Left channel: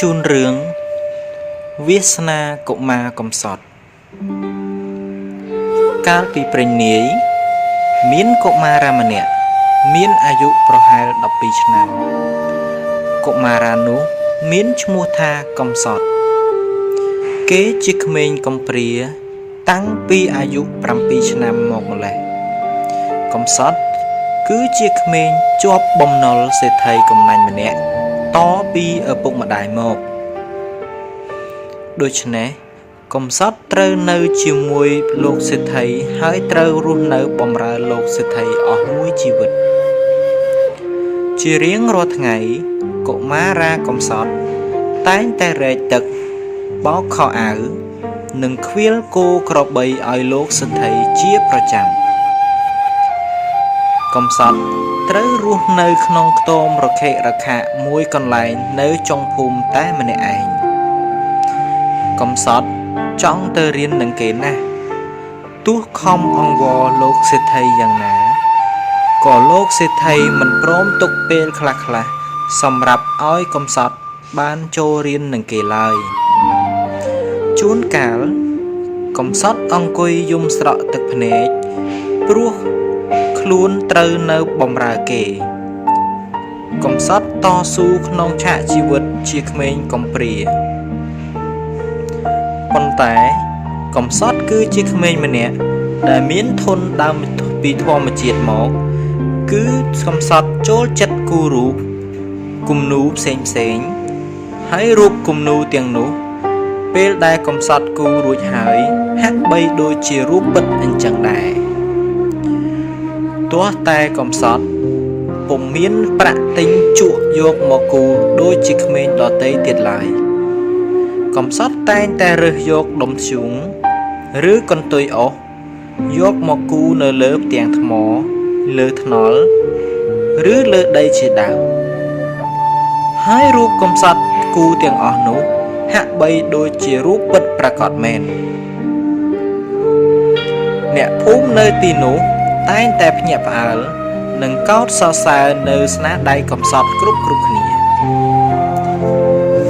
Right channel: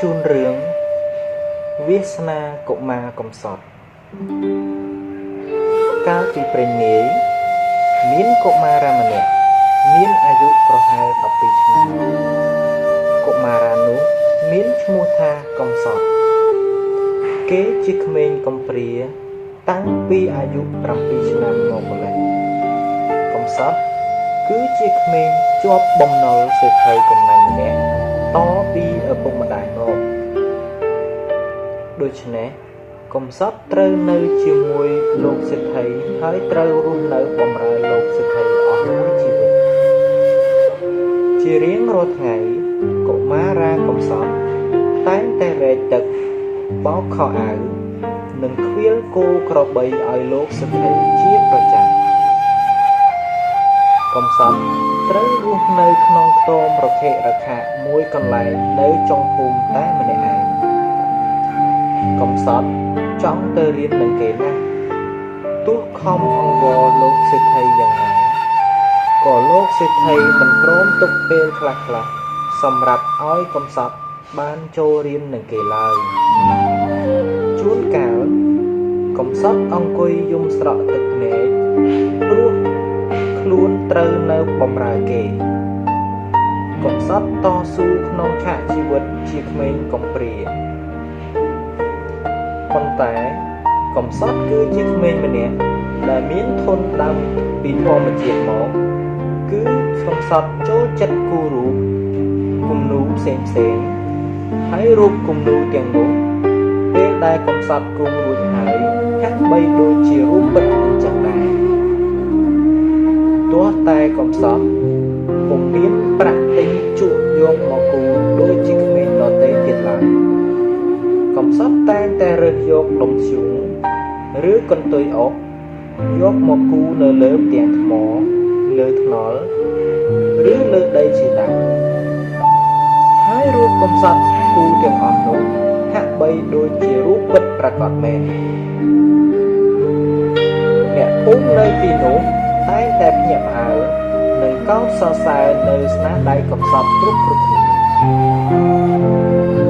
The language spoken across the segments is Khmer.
ជូនរឿងវាសនាកុមារកំសត់កាលពីព្រេងនាយមានកុមារាម្នាក់មានអាយុប្រហែល12ឆ្នាំកុមារានោះមានឈ្មោះថាកំសត់គេជាក្មេងកំព្រាតាំងពីអាយុ7ឆ្នាំមកម្ល៉េះកំសត់គឺជាក្មេងជាប់បំណុលសេដ្ឋីកំណាញ់ម្នាក់តពីឪពុកម្ដាយមកដូច្នេះកំសត់ត្រូវនៅជាមួយលោកសេដ្ឋីហើយត្រូវរស់នៅបម្រើលោកសេដ្ឋីអស់មួយជីវិតជារៀងរាល់ថ្ងៃកុមារាកំសត់តែងតែរែកទឹកបោកខោអាវនិងខ្វៀលគោក្របីឲ្យលោកសេដ្ឋីជាប្រចាំកំសត់ត្រូវរស់នៅក្នុងខ្ទមរខិរខាមួយកន្លែងនៅចុងភូមិតែម្នាក់ឯងកំសត់ចង់ទៅរៀននឹងគេណាស់ទោះខំអង្វរលោកសេដ្ឋីយ៉ាងណាក៏លោកសេដ្ឋីមិនព្រមទុកពេលខ្លះសម្រាប់ឲ្យកំសត់បានចូលរៀននឹងគេឡើយជួនកាលកំសត់អង្គុយយំស្រក់ទឹកភ្នែកព្រោះខ្លួនត្រូវនៅបម្រើគេកំសត់តស៊ូក្នុងឆាកជីវិតជាក្មេងកំព្រាប៉ុន្តែកំសត់គឺជាក្មេងម្នាក់ដែលមានធនដើមពីធម្មជាតិមកគឺកំសត់ចូលចិត្តគូររូបគំនូផ្សេងហើយរូបគំនូទាំងនោះពេលដែលកំសត់គូររួចហើយហាក់បីដូចជារូបពិតអញ្ចឹងដែរទោះតែកំសត់ពុំមានប្រាក់ទិញជក់យកមកគូរដូចជាក្មេងដទៃទៀតឡើយកំសត់តែងតែរើសយកដុំធ្យូងឬកន្ទុយអុសយកមកគូរនៅលើផ្ទាំងថ្មលើថ្នល់ឬលើដីជាដើមហើយរូបកំសត់គូរទាំងអស់នោះហាក់បីដូចជារូបពិតប្រាកដមែនអ្នកភូមិនៅទីនោះតែងតែភ្ញាក់ផ្អើលនិងកោតសរសើរនៅស្នាដៃកំសត់គ្រប់គ្នា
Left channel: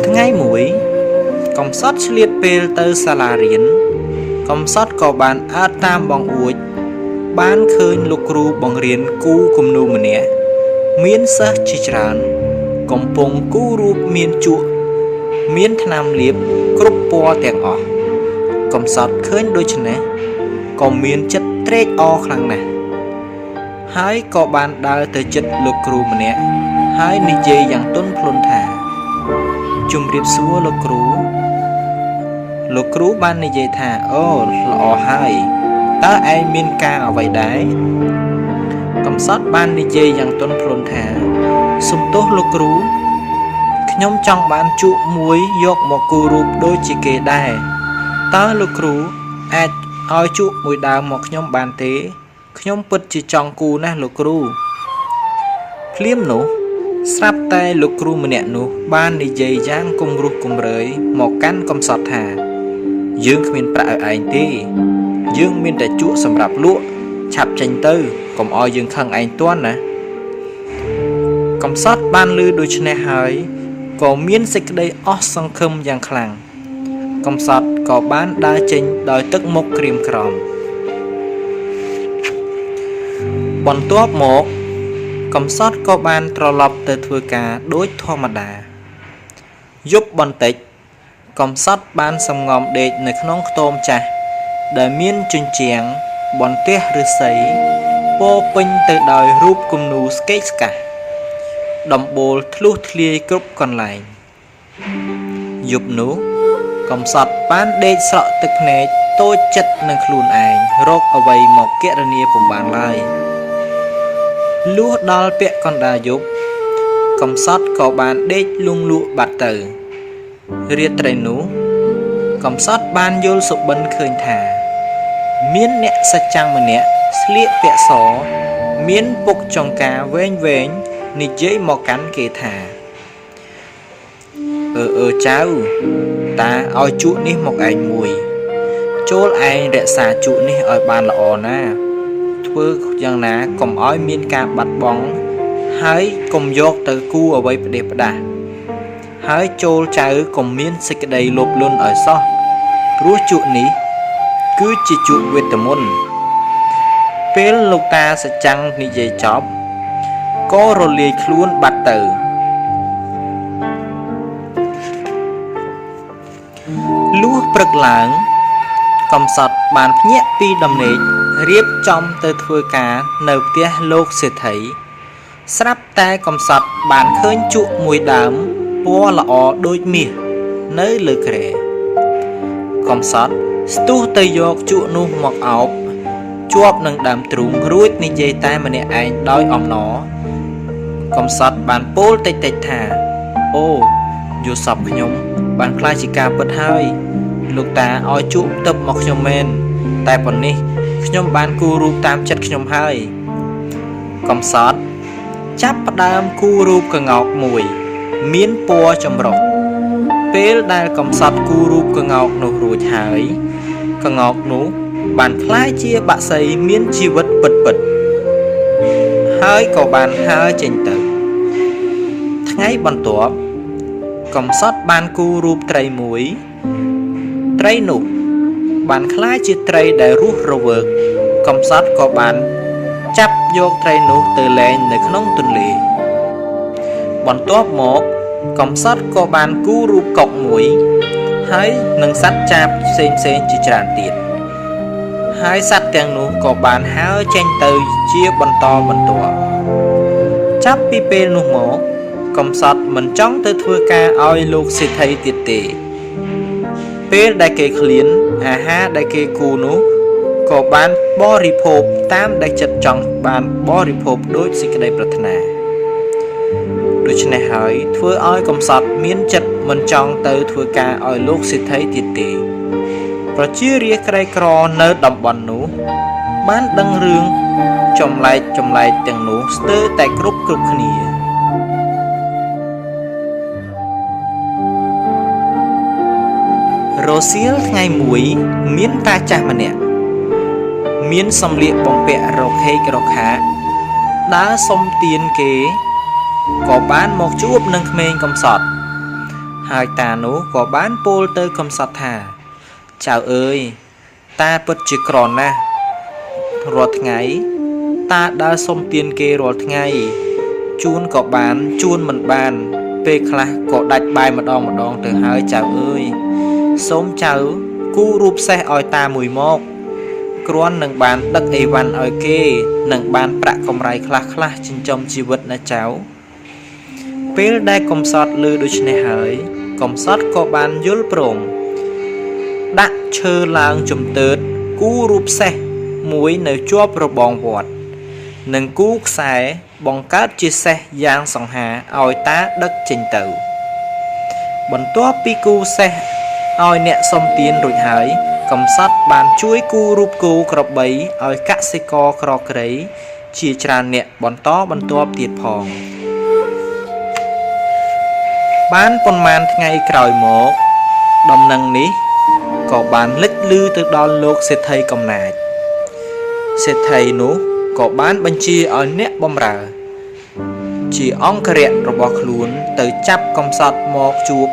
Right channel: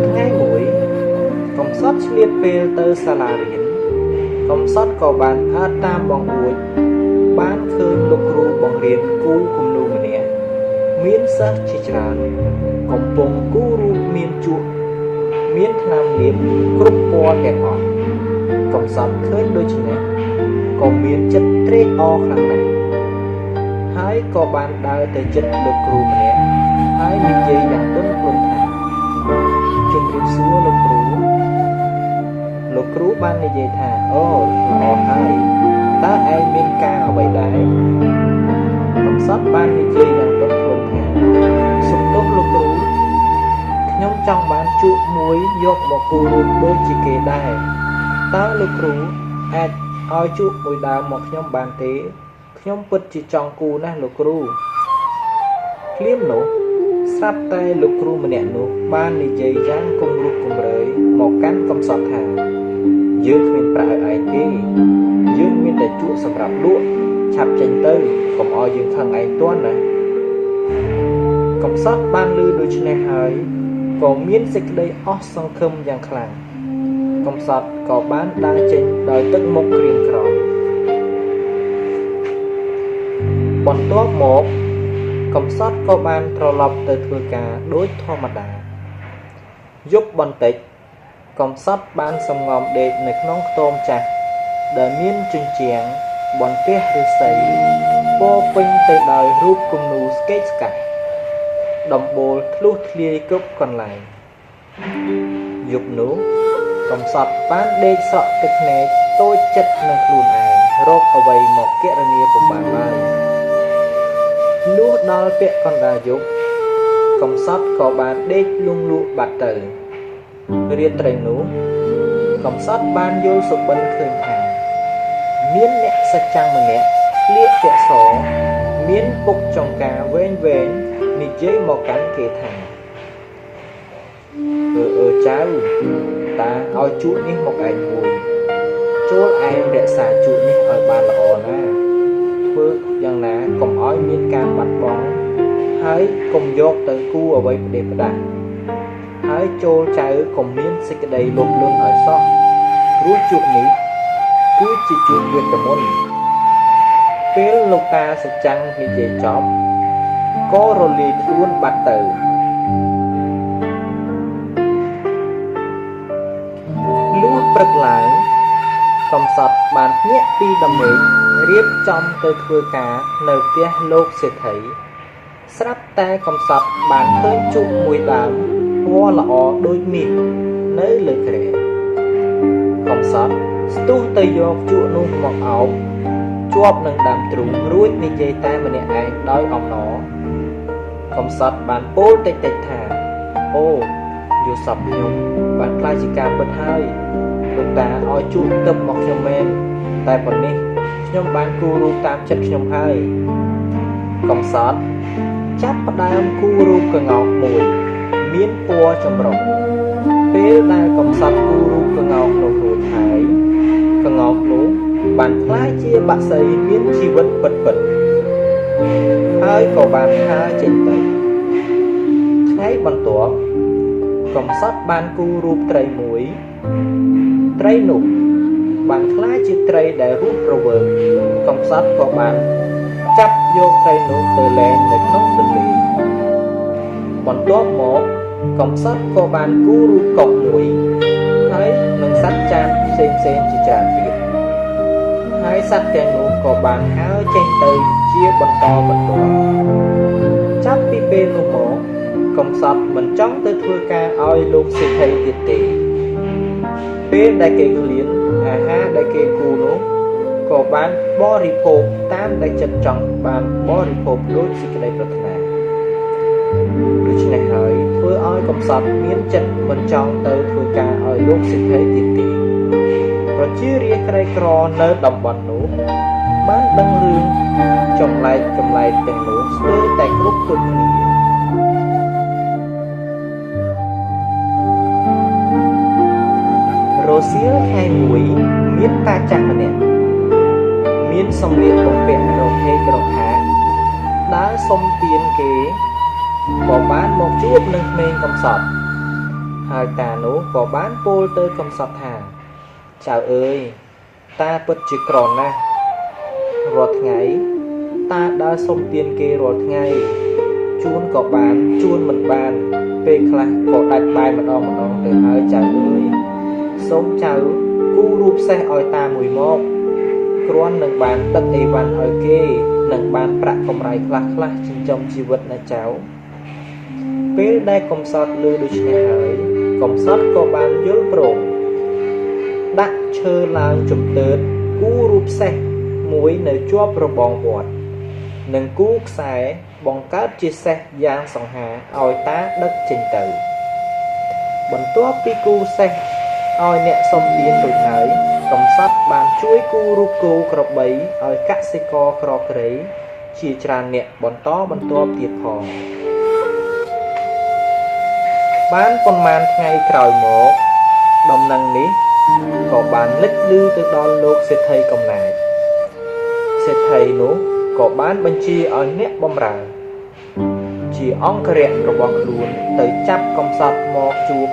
ថ្ងៃមួយកំសត់ឆ្លៀតពេលទៅសាលារៀនកំសត់ក៏បានអើតតាមបងអួចបានឃើញលោកគ្រូបង្រៀនគូគំនូម្នាក់មានសិស្សជាច្រើនកំពុងគូររូបមានជក់មានថ្នាំលាបគ្រប់ពណ៌ទាំងអស់កំសត់ឃើញដូច្នេះក៏មានចិត្តត្រេកអរខ្លាំងណាស់ហើយក៏បានដើរទៅជិតលោកគ្រូម្នាក់ហើយនិយាយយ៉ាងទន់ភ្លន់ថាជម្រាបសួរលោកគ្រូបាននិយាយថាអូល្អហើយតើឯងមានការអ្វីដែរកំសត់បាននិយាយយ៉ាងទន់ភ្លន់ថាសុំទោសលោកគ្រូខ្ញុំចង់បានជក់មួយយកមកគូររូបដូចជាគេដែរតើលោកគ្រូអាចឲ្យជក់មួយដើមមកខ្ញុំបានទេខ្ញុំពិតជាចង់គូរណាស់លោកគ្រូភ្លាមនោះស្រាប់តែលោកគ្រូម្នាក់នោះបាននិយាយយ៉ាងគំរោះគំរើយមកកាន់កំសត់ថាយើងគ្មានប្រាក់ឲ្យឯងទេយើងមានតែជក់សម្រាប់លក់ឆាប់ចេញទៅកុំឲ្យយើងខឹងឯងទាន់ណាកំសត់បានឮដូច្នេះហើយក៏មានសេចក្តីអស់សង្ឃឹមយ៉ាងខ្លាំងកំសត់ក៏បានដើរចេញដោយទឹកមុខក្រៀមក្រំបន្ទាប់មកកំសត់ក៏បានត្រឡប់ទៅធ្វើការដូចធម្មតាយប់បន្តិចកំសត់បានសំងំដេកនៅក្នុងខ្ទមចាស់ដែលមានជញ្ជាំងបន្ទះឫស្សីពោពេញទៅដោយរូបគំនូស្កេកស្កះដំបូលធ្លុះធ្លាយគ្រប់កន្លែងយប់នោះកំសត់បានដេកស្រក់ទឹកភ្នែកតូចចិត្តនឹងខ្លួនឯងរកអ្វីមកគណនាពុំបានឡើយលុះដល់ពាក់កណ្ដាលយប់កំសត់ក៏បានដេកលង់លក់បាត់ទៅរាត្រីនោះកំសត់បានយល់សុបិនឃើញថាមានអ្នកសច្ចាំម្នាក់ស្លៀកពាក់សមានពុកចង្ការវែងនិយាយមកកាន់គេថាចៅតាឲ្យជក់នេះមកឯងមួយចូលឯងរក្សាជក់នេះឲ្យបានល្អណាធ្វើយ៉ាងណាកុំឲ្យមានការបាត់បង់ហើយកុំយកទៅគូអ្វីផ្ដេសផ្ដាស ហើយចូលចៅកុំមានសេចក្តីលោភលន់ឲ្យសោះព្រោះជក់នេះគឺជាជក់វេទមន្តពេលលោកតាសច្ចាំងនិយាយចប់ក៏រលាយខ្លួនបាត់ទៅលុះព្រឹកឡើងកំសត់បានភ្ញាក់ពីដំណេករៀបចំទៅធ្វើការនៅផ្ទះលោកសេដ្ឋីស្រាប់តែកំសត់បានឃើញជក់មួយដើមពណ៌ល្អដូចមាសនៅលើគ្រែកំសត់ស្ទុះទៅយកជក់នោះមកអោបជាប់នឹងដើមទ្រូងរួចនិយាយតែម្នាក់ឯងដោយអំណរកំសត់បានពោលតិចៗថាអូយល់សពខ្ញុំបានខ្លាចជាការពិតហើយលោកតាឲ្យជក់ទឹកមកខ្ញុំមែនតែប៉ុណ្នេះខ្ញុំបានគូររូបតាមចិត្តខ្ញុំហើយកំសត់ចាប់ផ្ដើមគូររូបក្ងោកមួយមានពណ៌ចម្រុះពេលដែលកំសត់គូររូបក្ងោកនោះរួចហើយក្ងោកនោះបានคล้ายជាបក្សីមានជីវិតពិតៗហើយក៏បានហើរចេញទៅថ្ងៃបន្ទាប់កំសត់បានគូររូបត្រីមួយត្រីនោះបានคล้ายជាត្រីដែលរស់រវើកកំសត់ក៏បានចាប់យកត្រីនោះទៅលែងនៅក្នុងទន្លេបន្ទាប់មកកំសត់ក៏បានគូររូបកុកមួយហើយនឹងសត្វចាបផ្សេងជាច្រើនទៀតហើយសត្វទាំងនោះក៏បានហើរចេញទៅជាបន្តបន្ទាប់ចាប់ពីពេលនោះមកកំសត់មិនចង់ទៅធ្វើការឲ្យលោកសេដ្ឋីទៀតទេពេលដែលគេឃ្លានអាហារដែលគេគូនោះក៏បានបរិភោគតាមដែលចិត្តចង់បានបរិភោគដោយសេចក្តីប្រាថ្នាដូច្នេះហើយធ្វើឲ្យកំសត់មានចិត្តមិនចង់ទៅធ្វើការឲ្យលោកសេដ្ឋីទៀតទេប្រជារាស្ត្រក្រីក្រនៅតំបន់នោះបានដឹងរឿងចម្លែកទាំងនោះស្ទើរតែគ្រប់គ្នារសៀលថ្ងៃមួយមានតាចាស់ម្នាក់មានសម្លៀកបំពាក់រខេករខាដើរសុំទានគេក៏បានមកជួបនឹងក្មេងកំសត់ហើយតានោះក៏បានពោលទៅកំសត់ថាចៅអើយតាពិតជាក្រណាស់រាល់ថ្ងៃតាដើរសុំទានគេរាល់ថ្ងៃជួនក៏បានជួនមិនបានពេលខ្លះក៏ដាច់បាយម្ដងទៅហើយចៅអើយសូមចៅគូរូបសេះឲ្យតាមួយមកគ្រាន់នឹងបានដឹកអីវ៉ាន់ឲ្យគេនឹងបានប្រាក់កម្រៃខ្លះចិញ្ចឹមជីវិតណាចៅពេលដែលកំសត់ឮដូច្នេះហើយកំសត់ក៏បានយល់ព្រមដាក់ឈើឡើងជំទើតគូរូបសេះមួយនៅជាប់របងវត្តនិងគូខ្សែបង្កើតជាសេះយ៉ាងសង្ហាឲ្យតាដឹកចេញទៅបន្ទាប់ពីគូសេះឲ្យអ្នកសុំទានរួចហើយកំសត់បានជួយគូរូបគោក្របីឲ្យកសិករក្រក្រៃជាច្រើនអ្នកបន្តបន្ទាប់ទៀតផងបានប៉ុន្មានថ្ងៃក្រោយមកដំណឹងនេះក៏បានលេចឮទៅដល់លោកសេដ្ឋីកំណាចសេដ្ឋីនោះក៏បានបញ្ជាឲ្យអ្នកបម្រើជាអង្គរៈរបស់ខ្លួនទៅចាប់កំសត់មកជួប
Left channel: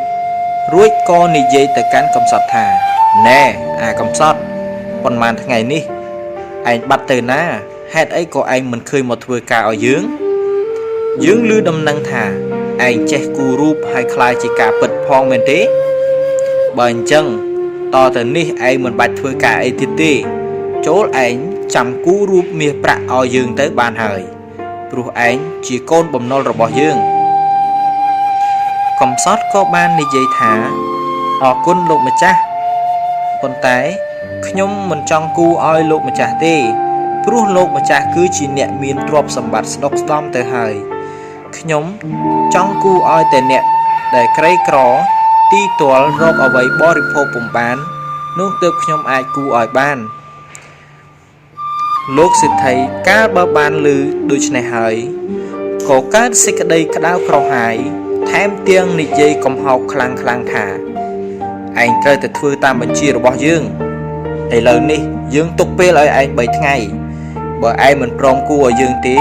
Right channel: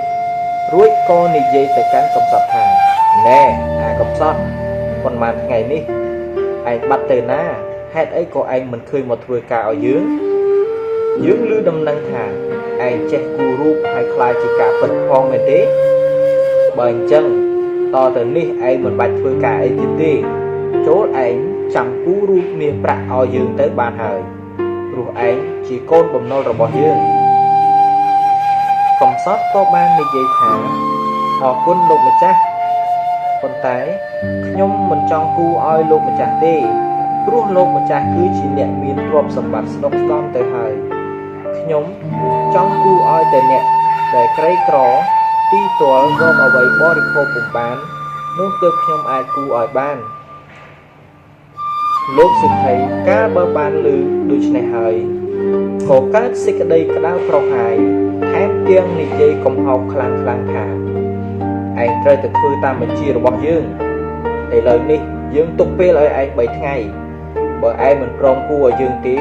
រួចក៏និយាយទៅកាន់កំសត់ថាណែអាកំសត់ប៉ុន្មានថ្ងៃនេះឯងបាត់ទៅណាហេតុអីក៏ឯងមិនឃើញមកធ្វើការឲ្យយើងឮដំណឹងថាឯងចេះគូររូបហើយខ្លាចជាការពិតផងមែនទេបើអញ្ចឹងតទៅនេះឯងមិនបាច់ធ្វើការអីទៀតទេចូលឯងចាំគូររូបមាសប្រាក់ឲ្យយើងទៅបានហើយព្រោះឯងជាកូនបំណុលរបស់យើងកំសត់ក៏បាននិយាយថាអរគុណលោកម្ចាស់ប៉ុន្តែខ្ញុំមិនចង់គូឲ្យលោកម្ចាស់ទេព្រោះលោកម្ចាស់គឺជាអ្នកមានទ្រព្យសម្បត្តិស្ដុកស្ដំទៅហើយខ្ញុំចង់គូឲ្យតែអ្នកដែលក្រីក្រទីទាល់រកអ្វីបរិភោគពុំបាននោះទើបខ្ញុំអាចគូឲ្យបានលោកសេដ្ឋីកាលបើបានឮដូច្នេះហើយក៏កើតសេចក្តីក្តៅក្រហាយថែមទាំងនិយាយកំហោកខ្លាំងថាឯងត្រូវតែធ្វើតាមបញ្ជារបស់យើងឥឡូវនេះយើងទុកពេលឲ្យឯង3ថ្ងៃបើឯងមិនព្រមគូឲ្យយើងទេ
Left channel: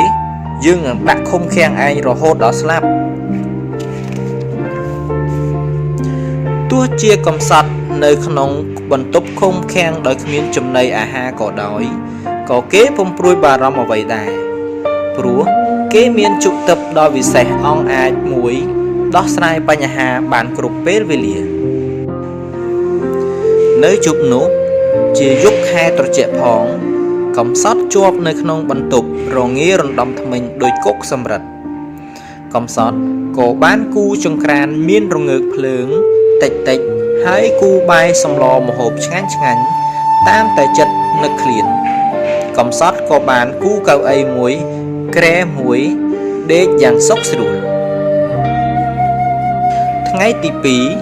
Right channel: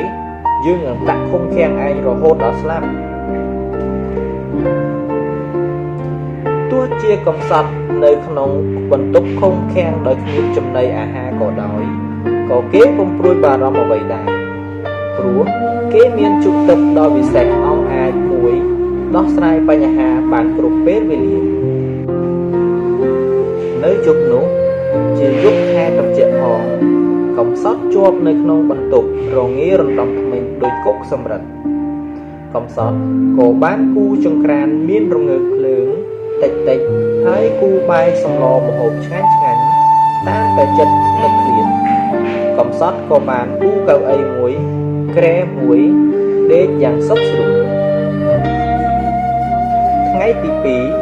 យើងនឹងដាក់ឃុំឃាំងឯងរហូតដល់ស្លាប់ ទោះជាកំសត់នៅក្នុងបន្ទប់ឃុំឃាំងដោយគ្មានចំណីអាហារក៏ដោយក៏គេពុំព្រួយបារម្ភអ្វីដែរព្រោះគេមានជុកទឹកដ៏វិសេសអង្អាចមួយដោះស្រាយបញ្ហាបានគ្រប់ពេលវេលានៅយប់នោះជាយប់ខែត្រជាក់ផងកំសត់ជាប់នៅក្នុងបន្ទប់រងារណ្ដំធ្មេញដោយគុកសម្រិតកំសត់ក៏បានគូចង្ក្រានមានរងើកភ្លើងតិចហើយគូបាយសម្លម្ហូបឆ្ងាញ់តាមតែចិត្តនឹកឃ្លានកំសត់ក៏បានគូកៅអីមួយក្រែមួយដេកយ៉ាងសុខស្រួលថ្ងៃទី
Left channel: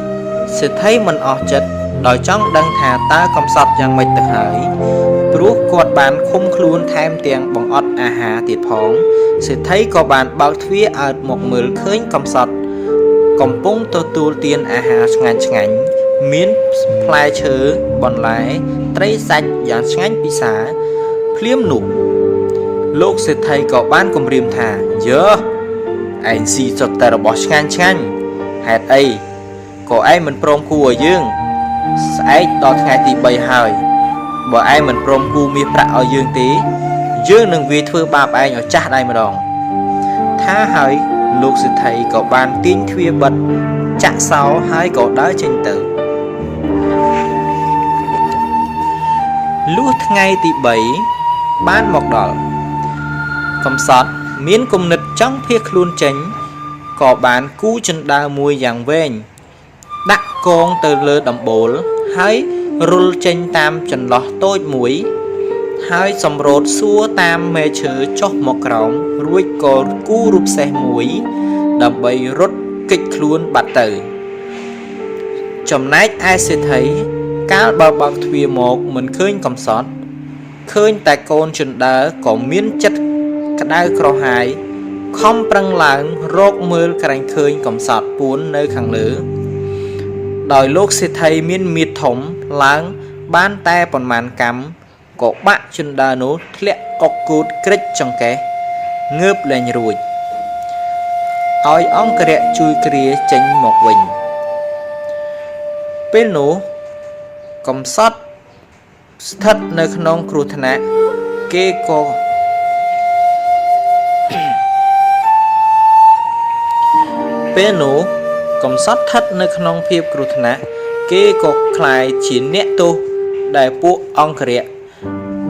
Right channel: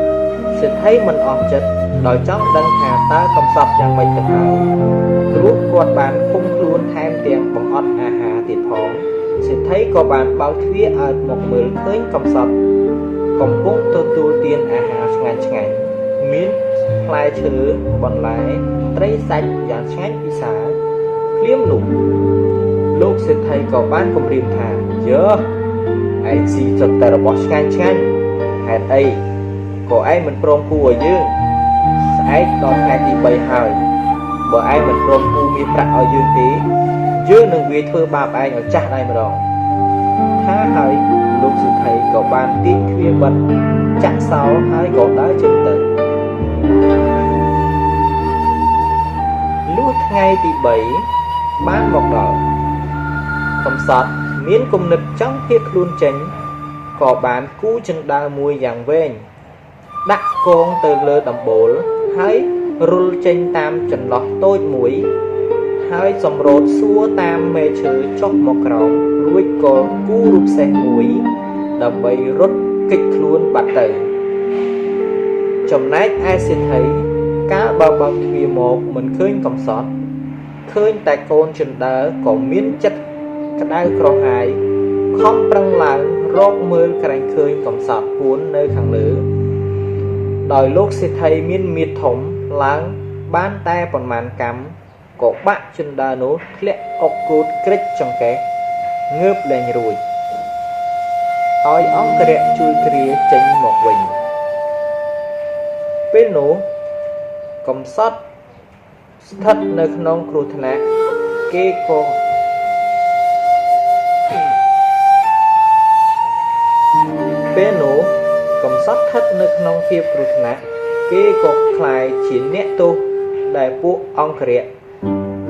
2សេដ្ឋីមិនអស់ចិត្តដោយចង់ដឹងថាតើកំសត់យ៉ាងម៉េចទៅហើយព្រោះគាត់បានឃុំខ្លួនថែមទាំងបង្អត់អាហារទៀតផងសេដ្ឋីក៏បានបើកទ្វារអើតមកមើលឃើញកំសត់កំពុងទទួលទានអាហារឆ្ងាញ់មានផ្លែឈើបន្លែត្រីសាច់យ៉ាងឆ្ងាញ់ពិសាភ្លាមនោះលោកសេដ្ឋីក៏បានគំរាមថាយើឯងស៊ីសុទ្ធតែរបស់ឆ្ងាញ់ហេតុអីក៏ឯងមិនព្រមគូឲ្យយើងស្អែកដល់ថ្ងៃទី3ហើយបើឯងមិនព្រមគូមាសប្រាក់ឲ្យយើងទេយើងនឹងវាយធ្វើបាបឯងឲ្យចាស់ដៃម្ដងថាហើយលោកសេដ្ឋីក៏បានទាញទ្វារបិទចាក់សោហើយក៏ដើរចេញទៅលុះថ្ងៃទី3បានមកដល់កំសត់មានគំនិតចង់ភៀសខ្លួនចេញក៏បានគូជណ្ដើរមួយយ៉ាងវែងដាក់កងទៅលើដំបូលហើយរុលចេញតាមចន្លោះតូចមួយហើយសម្រូតសួរតាមមេឈើចុះមកក្រោមរួចក៏គូរូបសេះមួយដើម្បីរត់គេចខ្លួនបាត់ទៅចំណែកឯសេដ្ឋីកាលបើបើកទ្វារមកមិនឃើញកំសត់ឃើញតែកូនជណ្ដើរក៏មានចិត្តក្តៅក្រហាយខំប្រឹងឡើងរកមើលក្រែងឃើញកំសត់ពួននៅខាងលើដោយលោកសេដ្ឋីមានមៀតធំឡើងបានតែប៉ុន្មានកម្មក៏បាក់ជណ្ដើរនោះធ្លាក់អុកគូតក្រិចចង្កេះងើបលែងរួចឲ្យអង្គរៈជួយគ្រាចេញមកវិញពេលនោះកំសត់ស្ថិតនៅក្នុងគ្រោះថ្នាក់គេក៏ពេលនោះកំសត់ស្ថិតនៅក្នុងភាពគ្រោះថ្នាក់គេក៏ខ្លាយជាអ្នកទោសដែលពួកអង្គរៈ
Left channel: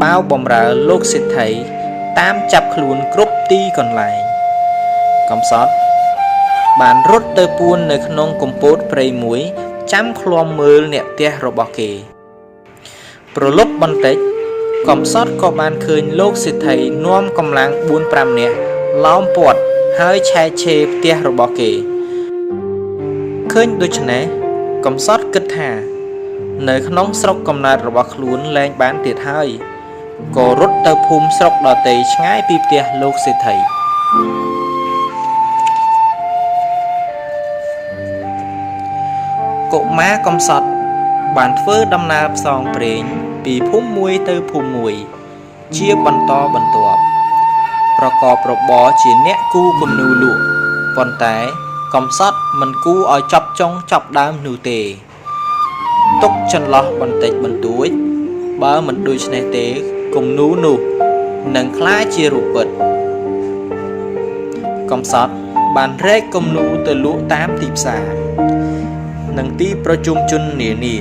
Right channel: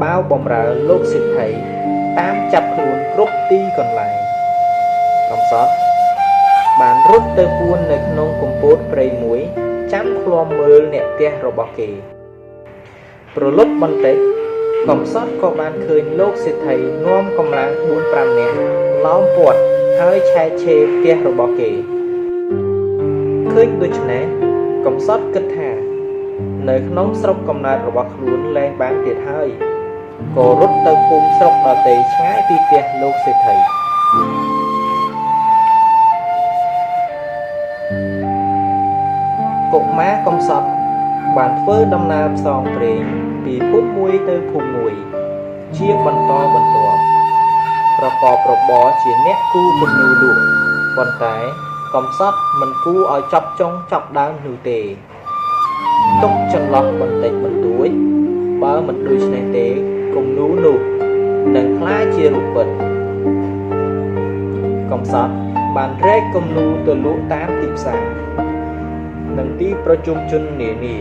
បាវបំរើលោកសេដ្ឋីតាមចាប់ខ្លួនគ្រប់ទីកន្លែងកំសត់បានរត់ទៅពួននៅក្នុងកំពតព្រៃមួយចាំឃ្លាំមើលអ្នកផ្ទះរបស់គេប្រលប់បន្តិចកំសត់ក៏បានឃើញលោកសេដ្ឋីនាំកម្លាំង 4-5 នាក់ឡោមព័ទ្ធហើយឆែកឆេរផ្ទះរបស់គេឃើញដូច្នេះកំសត់គិតថានៅក្នុងស្រុកកំណើតរបស់ខ្លួនលែងបានទៀតហើយក៏រត់ទៅភូមិស្រុកដទៃឆ្ងាយពីផ្ទះលោកសេដ្ឋីកុមារកំសត់បានធ្វើដំណើរផ្សងព្រេងពីភូមិមួយទៅភូមិមួយជាបន្តបន្ទាប់ប្រកបរបរជាអ្នកគូគំនូលក់ប៉ុន្តែកំសត់មិនគូឲ្យចប់ចុងចប់ដើមនោះទេទុកចន្លោះបន្តិចបន្តួចបើមិនដូច្នេះទេគំនូនោះនឹងក្លាយជារូបពិតកំសត់បានរែកគំនូទៅលក់តាមទីផ្សារនិងទីប្រជុំជននានា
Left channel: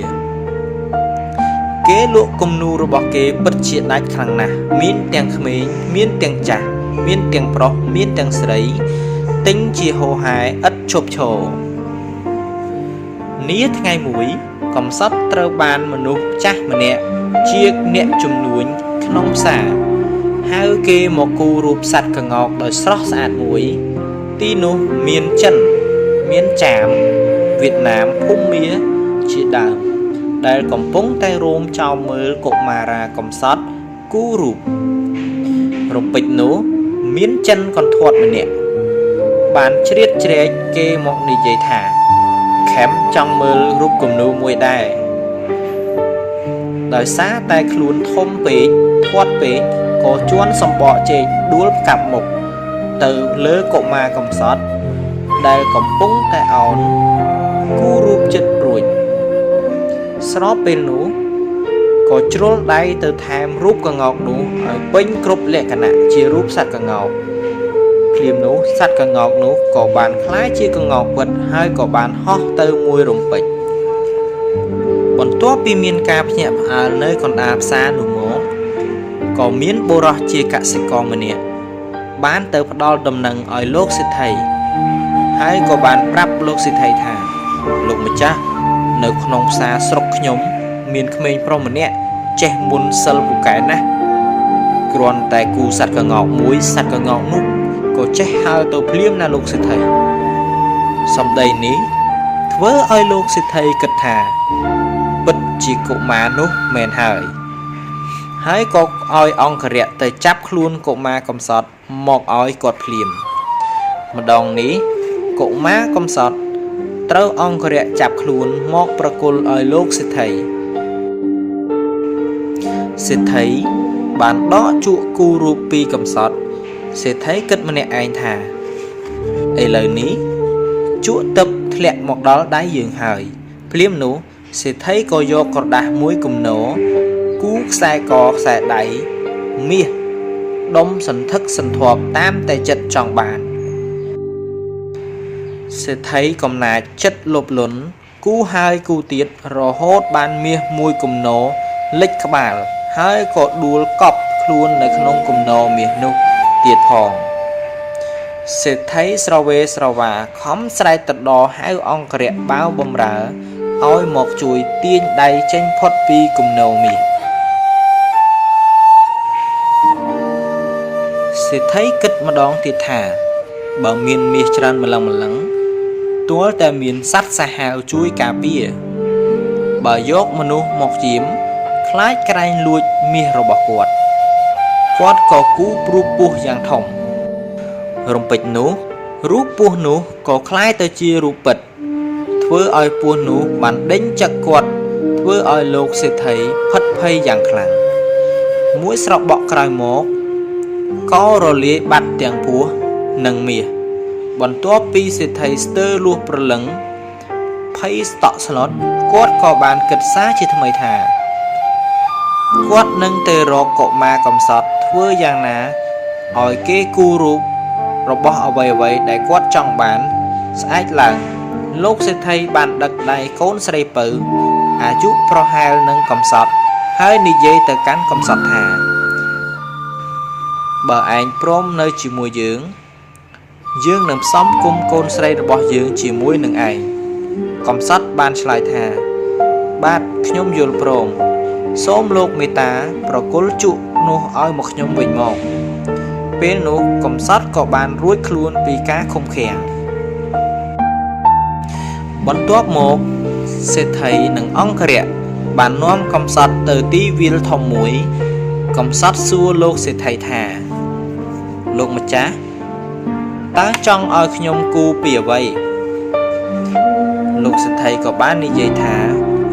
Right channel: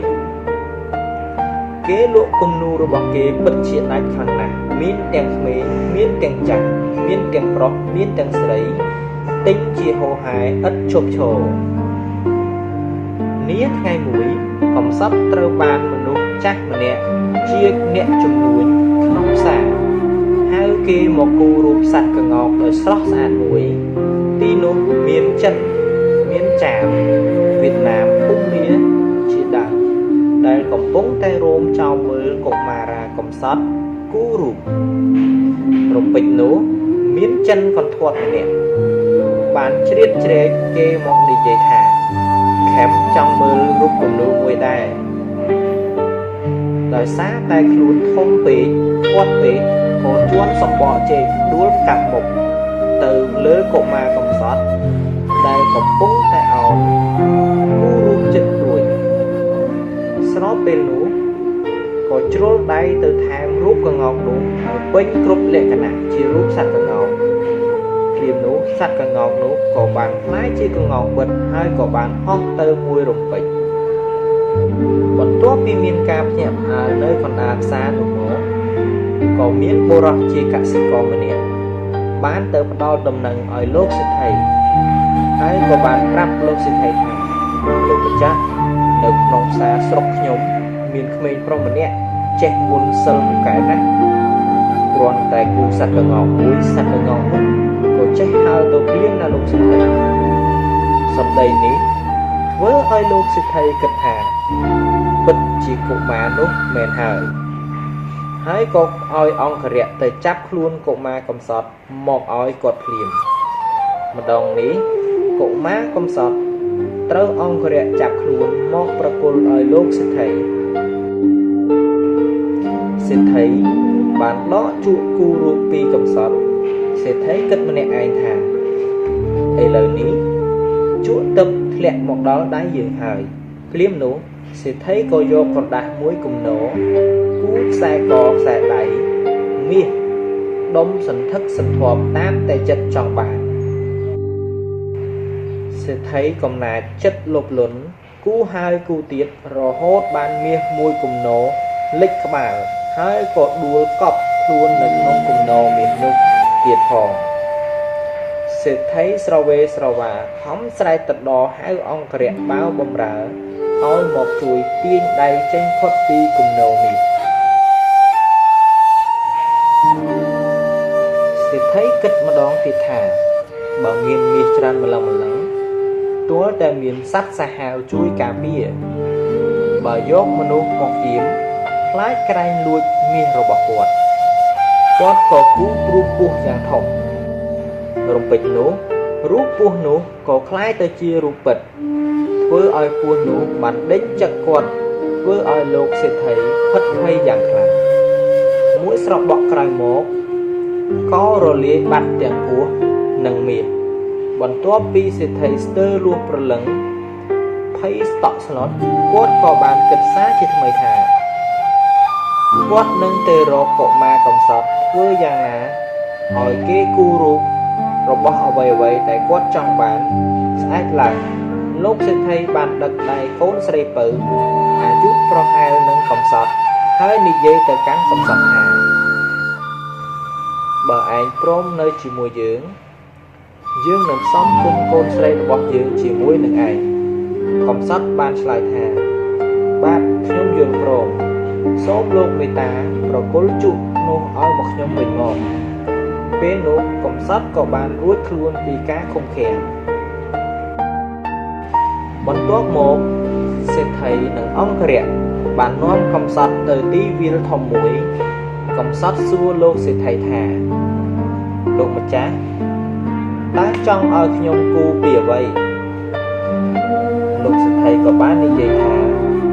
គេលក់គំនូរបស់គេពិតជាដាច់ខ្លាំងណាស់មានទាំងក្មេងមានទាំងចាស់មានទាំងប្រុសមានទាំងស្រីទិញជាហូរហែឥតឈប់ឈរនាថ្ងៃមួយកំសត់ត្រូវបានមនុស្សចាស់ម្នាក់ជាអ្នកជំនួញក្នុងផ្សារហៅគេមកគូររូបសត្វក្ងោកដោយស្រស់ស្អាតមួយទីនោះមានចិនមានចាមវៀតណាមភូមាជាដើមដែលកំពុងតែរោមចោមមើលកុមារាកំសត់គូរូបពេចនោះមានចិនកន្ធាត់ម្នាក់បានជ្រៀតជ្រែកគេមកនិយាយថាខេមចង់មើលរូបគំនូមួយដែរដោយសារតែខ្លួនធំពេកធាត់ពេកក៏ជួនសម្បកជែកដួលកាប់មុខទៅលើកុមារកំសត់ដែលកំពុងតែអោនគូរូបចិត្តរួច ស្របពេលនោះក៏ជ្រុលដៃទៅថែមរូបក្ងោកនោះឲ្យពេញគ្រប់លក្ខណៈជារូបសត្វក្ងោកភ្លាមនោះសត្វក្ងោកនោះក៏បានคล้ายជាក្ងោកពិតហើយក៏បានហោះទៅមួយរំពេចបន្ទាប់ពីមានការភ្ញាក់ផ្អើលនៅកណ្ដាលផ្សារនោះមកក៏មានបុរសជាកសិករម្នាក់បានទៅផ្ដល់ដំណឹងឲ្យលោកសេដ្ឋីហើយក៏បានប្រាប់លោកសេដ្ឋីថាលោកម្ចាស់នៅក្នុងផ្សារស្រុកខ្ញុំមានក្មេងប្រុសម្នាក់ចេះមុនសិលពូកែណាស់គ្រាន់តែគូសត្វក្ងោកមួយសត្វក្ងោកនោះក៏ចេះហើរទៅភ្លាមណាលោកសេដ្ឋីសម្ដីនេះធ្វើឲ្យលោកសេដ្ឋីគិតថាពិតជាកុមារនោះមែនហើយក៏ឲ្យអង្គរៈទៅចាប់ខ្លួនកុមារកំសត់មកឲ្យគាត់ភ្លាមម្ដងនេះកុមារកំសត់ត្រូវអង្គរៈចាប់ខ្លួនមកប្រគល់ឲ្យលោកសេដ្ឋីសេដ្ឋីបានដកជក់គូរូបពីកំសត់សេដ្ឋីគិតម្នាក់ឯងថាឥឡូវនេះជក់ទឹកធ្លាក់មកដល់ដៃយើងហើយភ្លាមនោះសេដ្ឋីក៏យកក្រដាសមួយគំនរគូខ្សែកខ្សែដៃមាសដុំសន្ធឹកសន្ធាប់តាមតែចិត្តចង់បានសេដ្ឋីកំណាចចិត្តលបលន់គូហើយគូទៀតរហូតបានមាសមួយគំនរលិចក្បាលហើយក៏ដួលកប់ខ្លួននៅក្នុងគំនរមាសនោះទៀតផងសេដ្ឋីស្រវេស្រវាខំស្រែកទៅដល់ហៅអង្គរៈបាវបំរើឲ្យមកជួយទាញដៃចេញផុតពីគំនរមាសសេដ្ឋីគិតម្ដងទៀតថាបើមានមាសច្រើនម្លឹងទួលតែមានសត្វសាហាវជួយការពារបើយកមនុស្សមកជាមខ្លាចក្រែងលួចមាសរបស់គាត់ក៏គូព្រោះពោះយ៉ាងធំរំពេចនោះរូបពស់នោះក៏คล้ายទៅជារូបពិតធ្វើឲ្យពស់នោះបានដេញចឹកគាត់ធ្វើឲ្យលោកសេដ្ឋីផិតភ័យយ៉ាងខ្លាំងមួយស្របក់ក្រោយមកក៏រលាយបាត់ទាំងពស់និងមាសបន្ទាប់ពីសេដ្ឋីស្ទើរលួសព្រលឹងភ័យស្តក់ស្លុតគាត់ក៏បានគិតសារជាថ្មីថាគាត់នឹងទៅរកកុមារកំសត់ធ្វើយ៉ាងណាឲ្យគេគូរូបរបស់អ្វីដែលគាត់ចង់បានស្អែកឡើងលោកសេដ្ឋីបានដឹកដៃកូនស្រីពៅអាយុប្រហែលនឹងកំសត់ហើយនិយាយទៅកាន់កំសត់ថាបើឯងព្រមនៅជាមួយយើងនឹងផ្សំគុំកូនស្រីរបស់យើងជាមួយនឹងឯងកំសត់បានឆ្លើយថាបាទខ្ញុំយល់ព្រមសូមលោកមេត្តាប្រគល់ជក់នោះឲ្យមកខ្ញុំវិញមកពេលនោះកំសត់ក៏បានរួចខ្លួនពីការឃុំឃាំងបន្ទាប់មកសេដ្ឋីនិងអង្គរៈបាននាំកំសត់ទៅទីវាលធំមួយកំសត់សួរលោកសេដ្ឋីថាលោកម្ចាស់តើចង់ឲ្យខ្ញុំគូពីអ្វីលោកសេដ្ឋីក៏បាននិយាយថា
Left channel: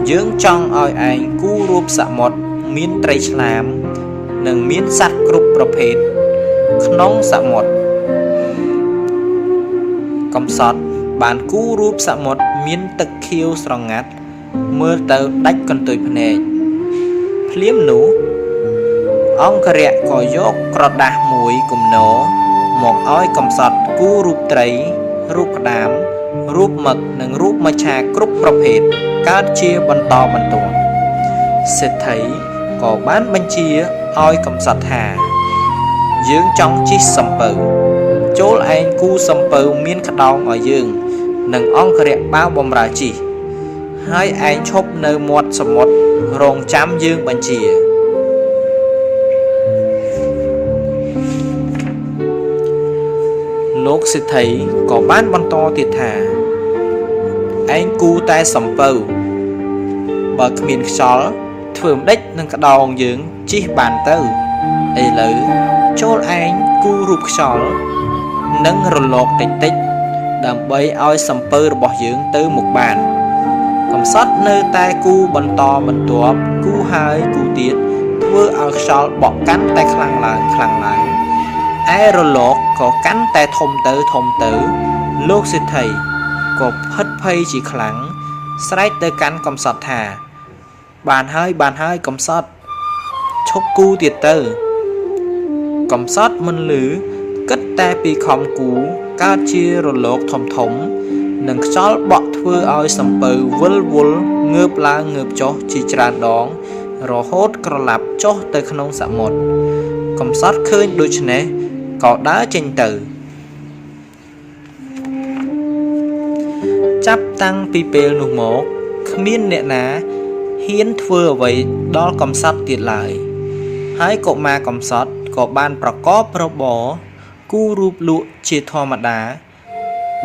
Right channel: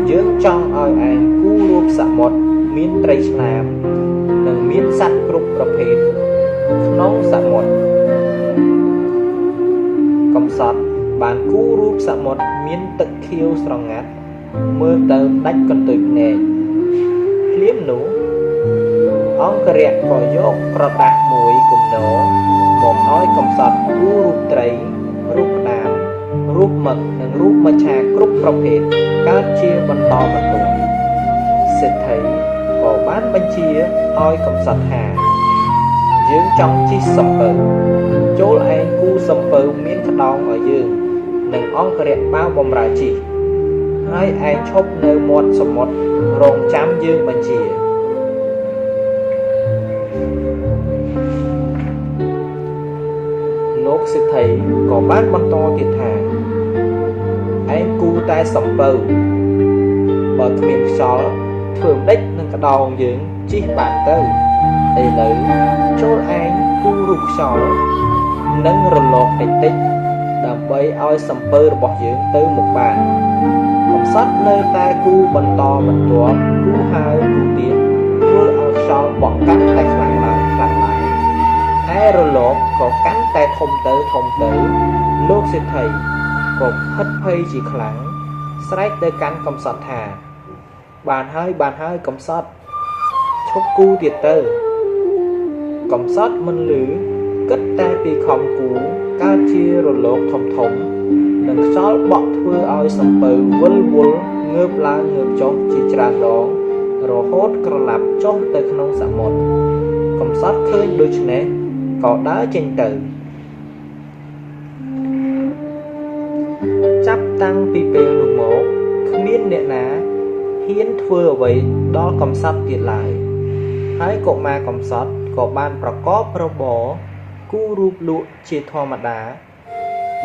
យើងចង់ឲ្យឯងគូរូបសមុទ្រមានត្រីឆ្លាមនិងមានសត្វគ្រប់ប្រភេទក្នុងសមុទ្រកំសត់បានគូរូបសមុទ្រមានទឹកខៀវស្រងាត់មើលទៅដាច់កន្ទុយភ្នែកភ្លាមនោះអង្គរៈក៏យកក្រដាសមួយគំនរមកឲ្យកំសត់គូរូបត្រីរូបក្តាមរូបមឹកនិងរូបមច្ឆាគ្រប់ប្រភេទកើតជាបន្តបន្ទាប់សេដ្ឋីក៏បានបញ្ជាឲ្យកំសត់ថាយើងចង់ជិះសំពៅចូលឯងគូសំពៅមានក្តោងឲ្យយើងនិងអង្គរៈបាវបំរើជិះហើយឯងឈប់នៅមាត់សមុទ្ររងចាំយើងបញ្ជាលោកសេដ្ឋីក៏បានបន្តទៀតថាឯងគូតែសំពៅបើគ្មានខ្យល់ធ្វើម្ដេចនឹងក្តោងយើងជិះបានទៅឥឡូវចូលឯងគូរូបខ្យល់និងរលកតិចដើម្បីឲ្យសំពៅរបស់យើងទៅមុខបានកំសត់នៅតែគូបន្តបន្ទាប់គូហើយគូទៀតធ្វើឲ្យខ្យល់បក់កាន់តែខ្លាំងឡើងឯរលកក៏កាន់តែធំទៅលោកសេដ្ឋីក៏ផិតភ័យជាខ្លាំងស្រែកទៅកាន់កំសត់ថា បានហើយកំសត់ឈប់គូទៀតទៅកំសត់មិនលឺគិតតែពីខំគូកើតជារលកធំនិងខ្យល់បក់ធ្វើឲ្យសំពៅវិលវល់ងើបឡើងងើបចុះជាច្រើនដងរហូតក្រឡាប់ចុះទៅក្នុងសមុទ្រកំសត់ឃើញដូច្នេះក៏ដើរចេញទៅចាប់តាំងពីពេលនោះមកគ្មានអ្នកណាហ៊ានធ្វើអ្វីដល់កំសត់ទៀតឡើយហើយកុមារកំសត់ក៏បានប្រកបរបរគូរូបលក់ជាធម្មតា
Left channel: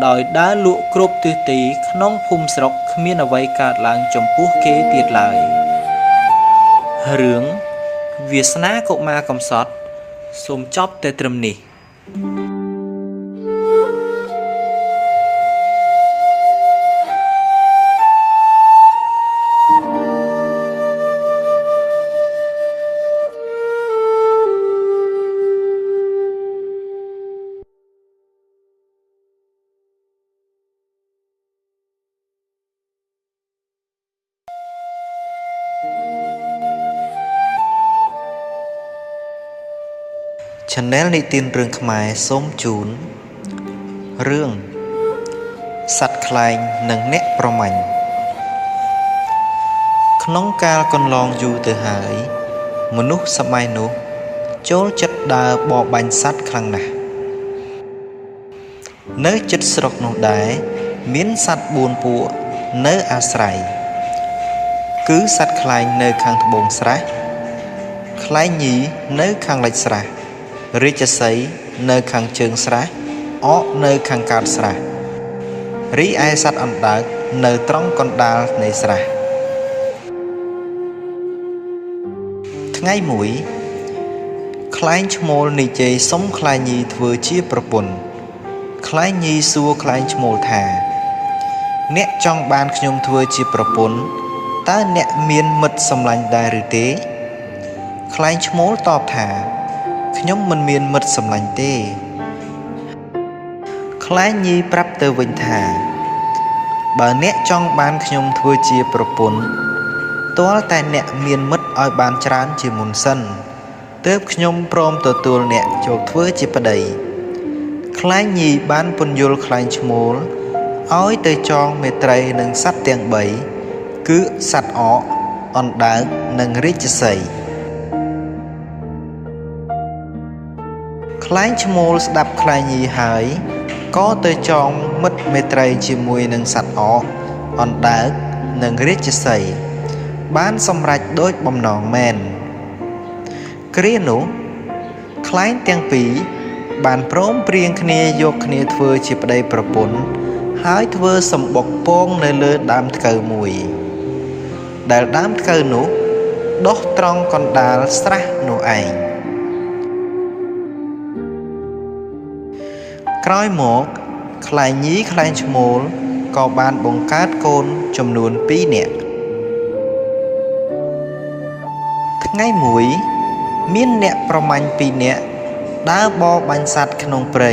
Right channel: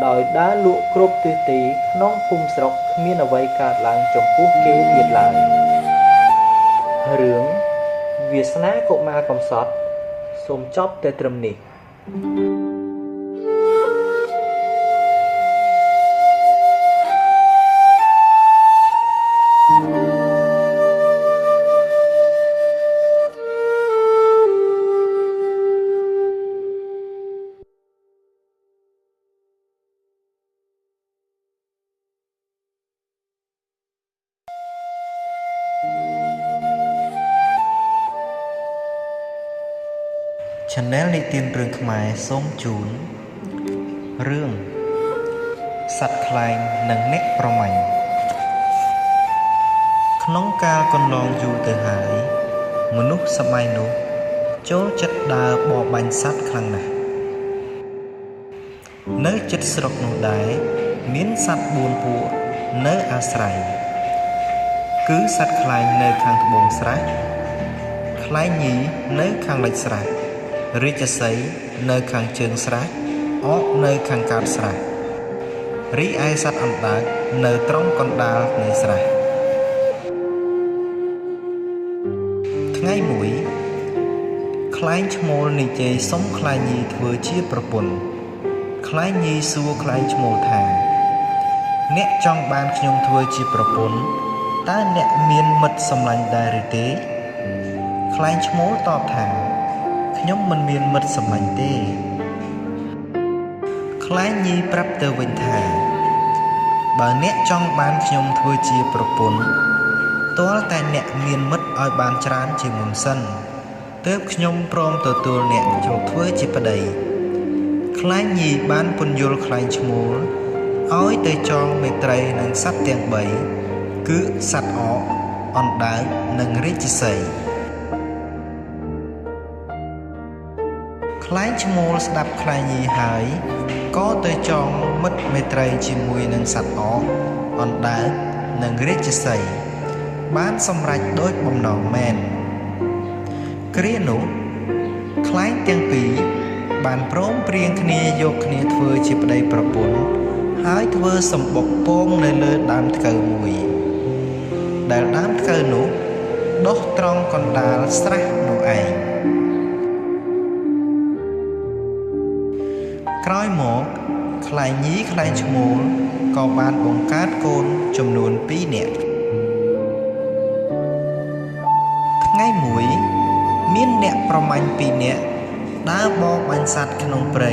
ដោយដើរលក់គ្រប់ទិសទីក្នុងភូមិស្រុកគ្មានអ្វីកើតឡើងចំពោះគេទៀតឡើយរឿងវាសនាកុមារកំសត់សូមចប់តែត្រឹមនេះChannel និទានរឿងខ្មែរសូមជូនរឿងសត្វខ្លែងនិងអ្នកប្រមាញ់ក្នុងកាលកន្លងយូរទៅហើយមនុស្សសម័យនោះចូលចិត្តដើរបរបាញ់សត្វខ្លាំងណាស់នៅជិតស្រុកនោះដែរមានសត្វ4ពួកនៅអាស្រ័យគឺសត្វខ្លែងនៅខាងត្បូងស្រះខ្លែងញីនៅខាងលិចស្រះរាជសីនៅខាងជើងស្រះអកនៅខាងកើតស្រះរីឯសត្វអណ្ដើកនៅត្រង់កណ្ដាលនៃស្រះថ្ងៃមួយខ្លែងឈ្មោលនិយាយសុំខ្លែងញីធ្វើជាប្រពន្ធខ្លែងញីសួរខ្លែងឈ្មោលថាអ្នកចង់បានខ្ញុំធ្វើជាប្រពន្ធតើអ្នកមានមិត្តសម្លាញ់ដែរឬទេខ្លែងឈ្មោលតបថាខ្ញុំមិនមានមិត្តសម្លាញ់ទេខ្លែងញីប្រាប់ទៅវិញថាបើអ្នកចង់បានខ្ញុំធ្វើជាប្រពន្ធទាល់តែអ្នកមានមិត្តឲ្យបានច្រើនជាមុនសិនទើបខ្ញុំព្រមទទួលអ្នកចូលធ្វើជាប្តីខ្លែងញីបានពន្យល់ខ្លែងឈ្មោលឲ្យទៅចងមេត្រីនឹងសត្វទាំង3គឺសត្វអកអណ្ដើកនិងរាជសីខ្លែងឈ្មោលស្ដាប់ខ្លែងញីហើយក៏ទៅចងមិត្តមេត្រីជាមួយនឹងសត្វអកអណ្ដើកនិងរាជសីបានសម្រេចដោយបំណងមែនគ្រានោះខ្លែងទាំងពីរបានព្រមព្រៀងគ្នាយកគ្នាធ្វើជាប្តីប្រពន្ធហើយធ្វើសម្បុកពងនៅលើដើមថ្កូវមួយដែលដើមថ្កូវនោះដុះត្រង់កណ្ដាលស្រះនោះឯងក្រោយមកខ្លែងញីខ្លែងឈ្មោលក៏បានបង្កើតកូនចំនួន2នាក់ថ្ងៃមួយមានអ្នកប្រមាញ់2នាក់ដើរបរបាញ់សត្វក្នុងព្រៃ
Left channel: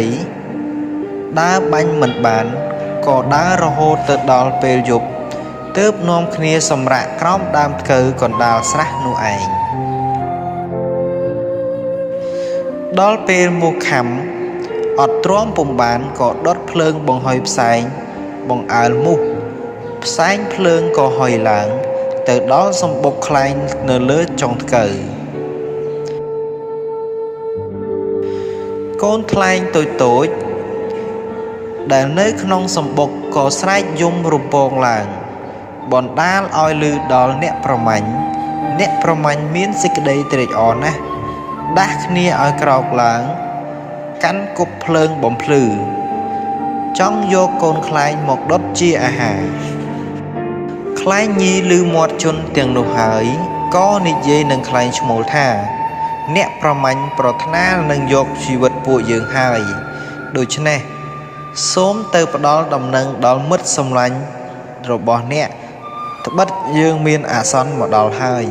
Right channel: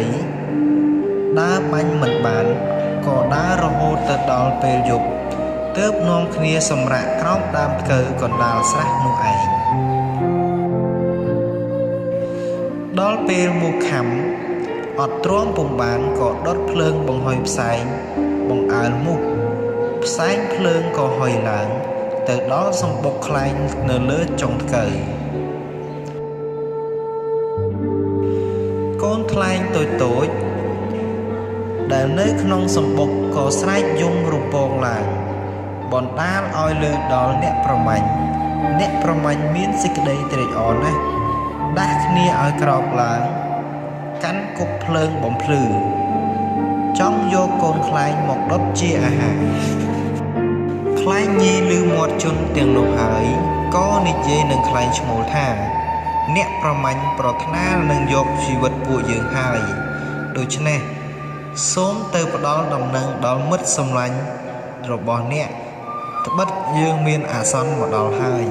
ដើរបាញ់មិនបានក៏ដើររហូតទៅដល់ពេលយប់ទើបនាំគ្នាសម្រាកក្រោមដើមថ្កូវកណ្ដាលស្រះនោះឯងដល់ពេលមកខំអត់ទ្រាំពុំបានក៏ដុតភ្លើងបង្ហុយផ្សែងបង្អើលមូសផ្សែងភ្លើងក៏ហុយឡើងទៅដល់សម្បុកខ្លែងនៅលើចុងថ្កូវកូនខ្លែងតូចដែលនៅក្នុងសម្បុកក៏ស្រែកយំរំពងឡើងបណ្ដាលឲ្យឮដល់អ្នកប្រមាញ់មានសេចក្តីត្រេកអរណាស់ដាស់គ្នាឲ្យក្រោកឡើងកាន់គប់ភ្លើងបំភ្លឺចង់យកកូនខ្លែងមកដុតជាអាហារខ្លែងញីឮមាត់ជន់ទាំងនោះហើយក៏និយាយនឹងខ្លែងឈ្មោលថាអ្នកប្រមាញ់ប្រាថ្នានឹងយកជីវិតពួកយើងហើយដូច្នេះសូមទៅផ្ដល់ដំណឹងដល់មិត្តសម្លាញ់របស់អ្នកត្បិតយើងមានអាសន្នមកដល់ហើយ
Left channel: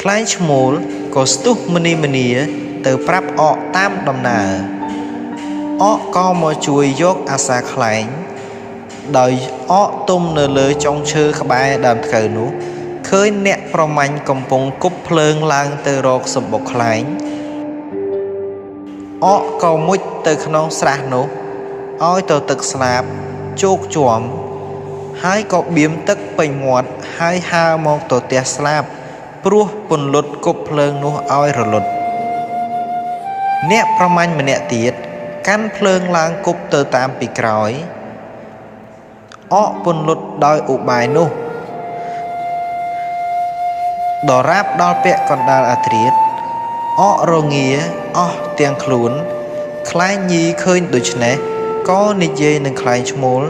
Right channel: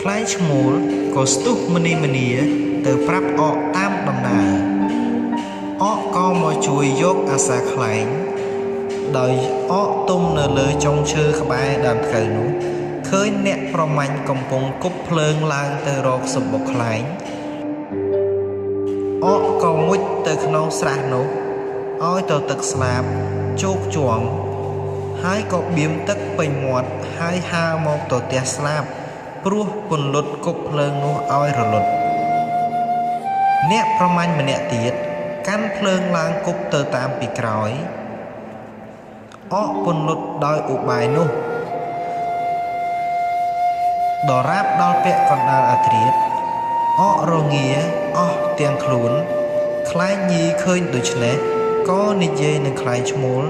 ខ្លែងឈ្មោលក៏ស្ទុះមនីទៅប្រាប់អកតាមដំណើរអកក៏មកជួយយកអាសាខ្លែង ដោយអកទុំនៅលើចុងឈើក្បែរដើមធ្កូវនោះឃើញអ្នកប្រមាញ់កំពុងគប់ភ្លើងឡើងទៅរកសម្បុកខ្លែងអកក៏មុជទៅក្នុងស្រះនោះឲ្យទៅទឹកស្លាបជោកជាំហើយក៏បៀមទឹកពេញមាត់ហើយហើរមកទៅផ្ទះស្លាបព្រោះពន្លត់គប់ភ្លើងនោះឲ្យរលត់អ្នកប្រមាញ់ម្នាក់ទៀតកាន់ភ្លើងឡើងគប់ទៅតាមពីក្រោយអកពន្លត់ដោយឧបាយនោះដរាបដល់ពាក់កណ្ដាលអាធ្រាត្រអករងាអស់ទាំងខ្លួនខ្លែងញីឃើញដូច្នេះក៏និយាយនឹងខ្លែងឈ្មោល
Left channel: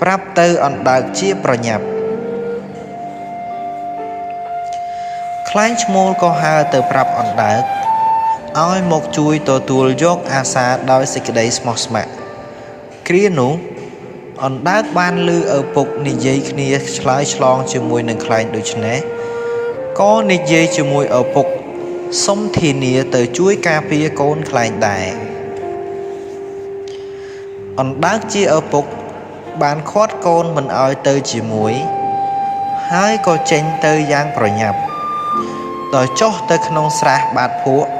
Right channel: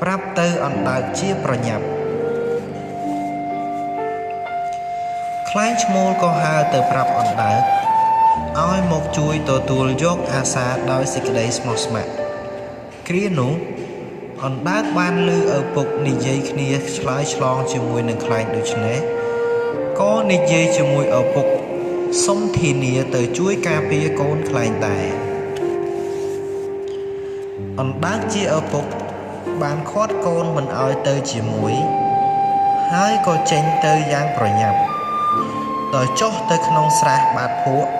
ប្រាប់ទៅអណ្ដើកជាប្រញាប់ខ្លែងឈ្មោលក៏ហើរទៅប្រាប់អណ្ដើកឲ្យមកជួយទទួលយកអាសាដោយសេចក្តីស្មោះស្ម័គ្រគ្រានោះអណ្ដើកបានឮឪពុកនិយាយគ្នាឆ្លើយឆ្លងជាមួយនឹងខ្លែងដូច្នេះក៏និយាយជាមួយឪពុកសុំធានាទៅជួយការពារកូនខ្លែងដែរអណ្ដើកជាឪពុកបានឃាត់កូនមិនឲ្យទៅជាមួយហើយក៏ចេញទៅយ៉ាងប្រញាប់ដោយចុះទៅក្នុងស្រះបាតភក់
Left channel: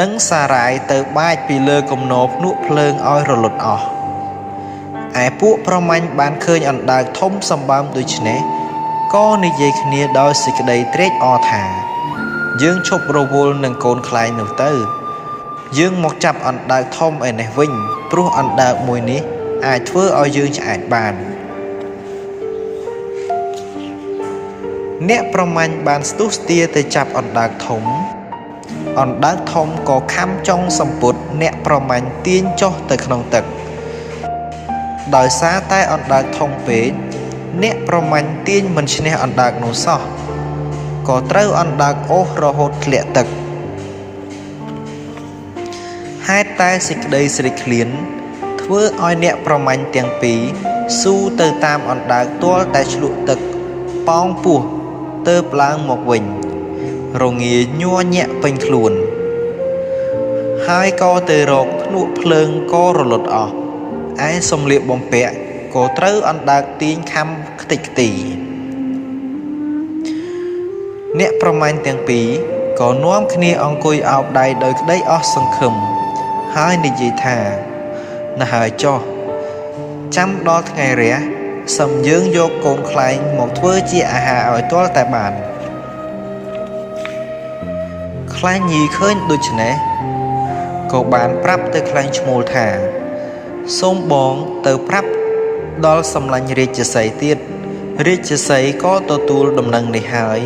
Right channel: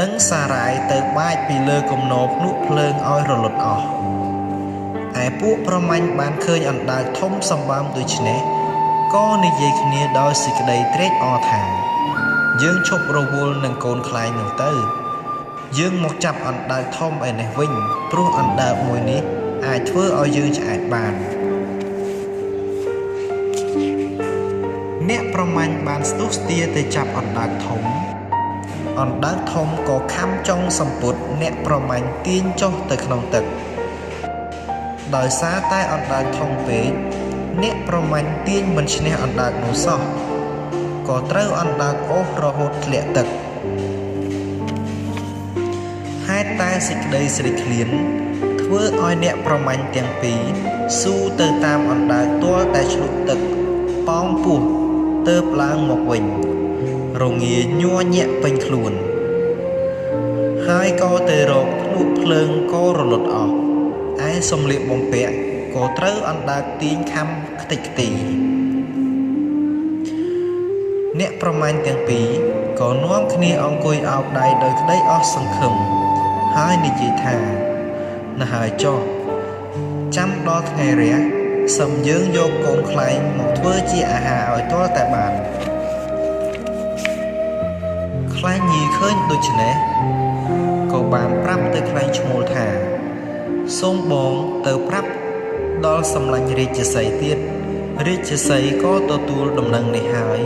និងសារាយទៅបាចពីលើគំនរភ្នក់ភ្លើងឲ្យរលត់អស់ឯពួកប្រមាញ់បានឃើញអណ្ដើកធំសម្បើមដូច្នេះក៏និយាយគ្នាដោយសេចក្តីត្រេកអរថាយើងឈប់រវល់នឹងកូនខ្លែងនោះទៅយើងមកចាប់អណ្ដើកធំឯនេះវិញព្រោះអណ្ដើកមួយនេះអាចធ្វើឲ្យយើងឆ្អែតបានអ្នកប្រមាញ់បានស្ទុះស្ទាទៅចាប់អណ្ដើកធំអណ្ដើកធំក៏ខំចុងសម្ពុតអ្នកប្រមាញ់ទាញចុះទៅក្នុងទឹកដោយសារតែអណ្ដើកធំពេកអ្នកប្រមាញ់ទាញមិនឈ្នះអណ្ដើកនោះសោះក៏ត្រូវអណ្ដើកអូសរហូតធ្លាក់ទឹកហេតុតែសេចក្តីស្រេកឃ្លានធ្វើឲ្យអ្នកប្រមាញ់ទាំងពីរស៊ូទៅតាមអណ្ដើកទាល់តែឆ្លក់ទឹកប៉ោងពោះទើបឡើងមកវិញរងាញ័រញាក់ពេញខ្លួនហើយក៏ទៅរកភ្នក់ភ្លើងក៏រលត់អស់ឯសំលៀកបំពាក់ក៏ត្រូវអណ្ដើកទាញខំខ្ទេចខ្ទីអ្នកប្រមាញ់ទាំងពីរក៏នាំគ្នាអង្គុយអោបដៃដោយក្តីអស់សង្ឃឹមហើយនិយាយថាណាហើយចុះចាំដល់ថ្ងៃរះសឹមយើងយកកូនខ្លែងមកធ្វើជាអាហារឲ្យទាល់តែបានខ្លែងញីឃើញដូច្នេះក៏បានប្រាប់ទៅខ្លែងឈ្មោលថាសូមបងទៅប្រាប់ដល់សម្លាញ់រាជសីទៀតរាជសីក៏ទទួលដំណឹងនេះហើយ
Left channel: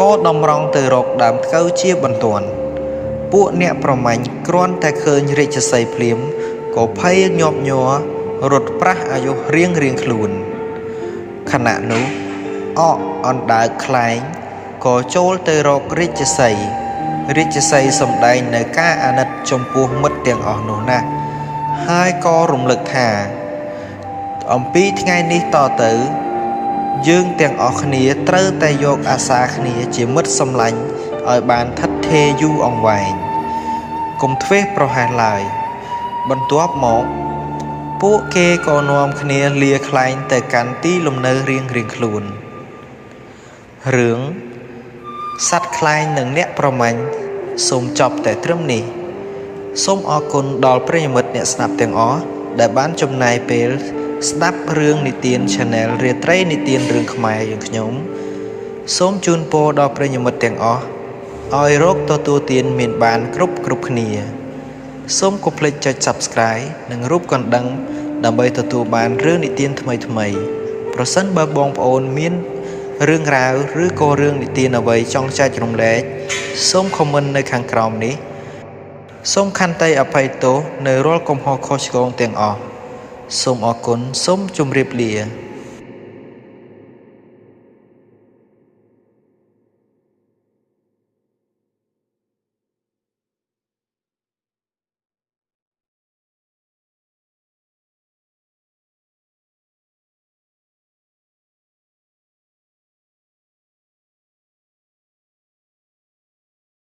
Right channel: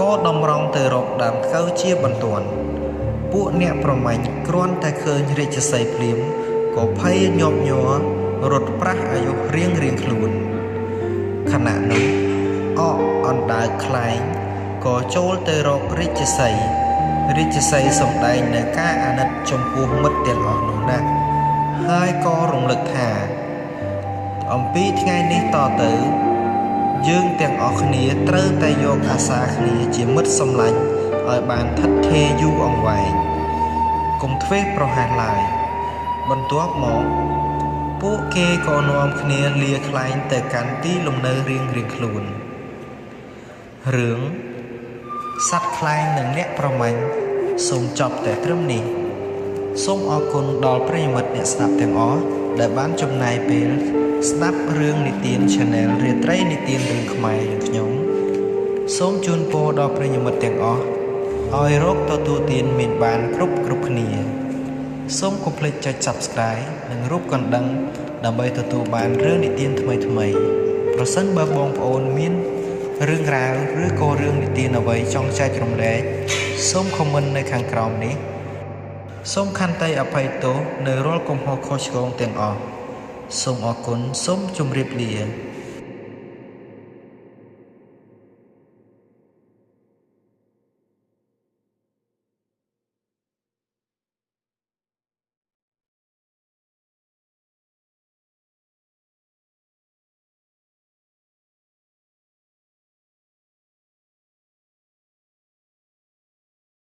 ក៏តម្រង់ទៅរកដើមធ្កូវជាបន្ទាន់ពួកអ្នកប្រមាញ់គ្រាន់តែឃើញរាជសីភ្លាមក៏ភ័យញាប់ញ័ររត់ប្រាស់អាយុរៀងខ្លួនខណៈនោះអកអណ្ដើកខ្លែងក៏ចូលទៅរករាជសីសម្ដែងនៅការអាណិតចំពោះមិត្តទាំងអស់នោះណាស់ហើយក៏រំលឹកថាអំពីថ្ងៃនេះតទៅយើងទាំងអស់គ្នាត្រូវតែយកអាសាគ្នាជាមិត្តសម្លាញ់ឲ្យបានថិតថេរយូរអង្វែងកុំធ្វេសប្រហែសឡើយបន្ទាប់មកពួកគេក៏នាំគ្នាលាខ្លែងទៅកាន់ទីលំនៅរៀងខ្លួនរឿងសត្វខ្លែងនិងអ្នកប្រមាញ់សូមចប់តែត្រឹមនេះសូមអរគុណដល់ប្រិយមិត្តអ្នកស្ដាប់ទាំងអស់ដែលបានចំណាយពេលស្ដាប់រឿងនិទាន Channel រាត្រីនិទានរឿងខ្មែរយើងខ្ញុំសូមជូនពរដល់ប្រិយមិត្តទាំងអស់ឲ្យរកទទួលទានមានបានគ្រប់គ្នាសូមកុំភ្លេចចុច Subscribe និងរូបកណ្ដឹងដើម្បីទទួលបានរឿងនិទានថ្មីប្រសិនបើបងប្អូនមានរឿងរ៉ាវឬក៏រឿងនិទានអ្វីចង់ចែករំលែកសូម comment នៅខាងក្រោមនេះសូមខន្តីអភ័យទោសនៅរាល់កំហុសខុសឆ្គងទាំងអស់សូមអរគុណសូមជម្រាបលា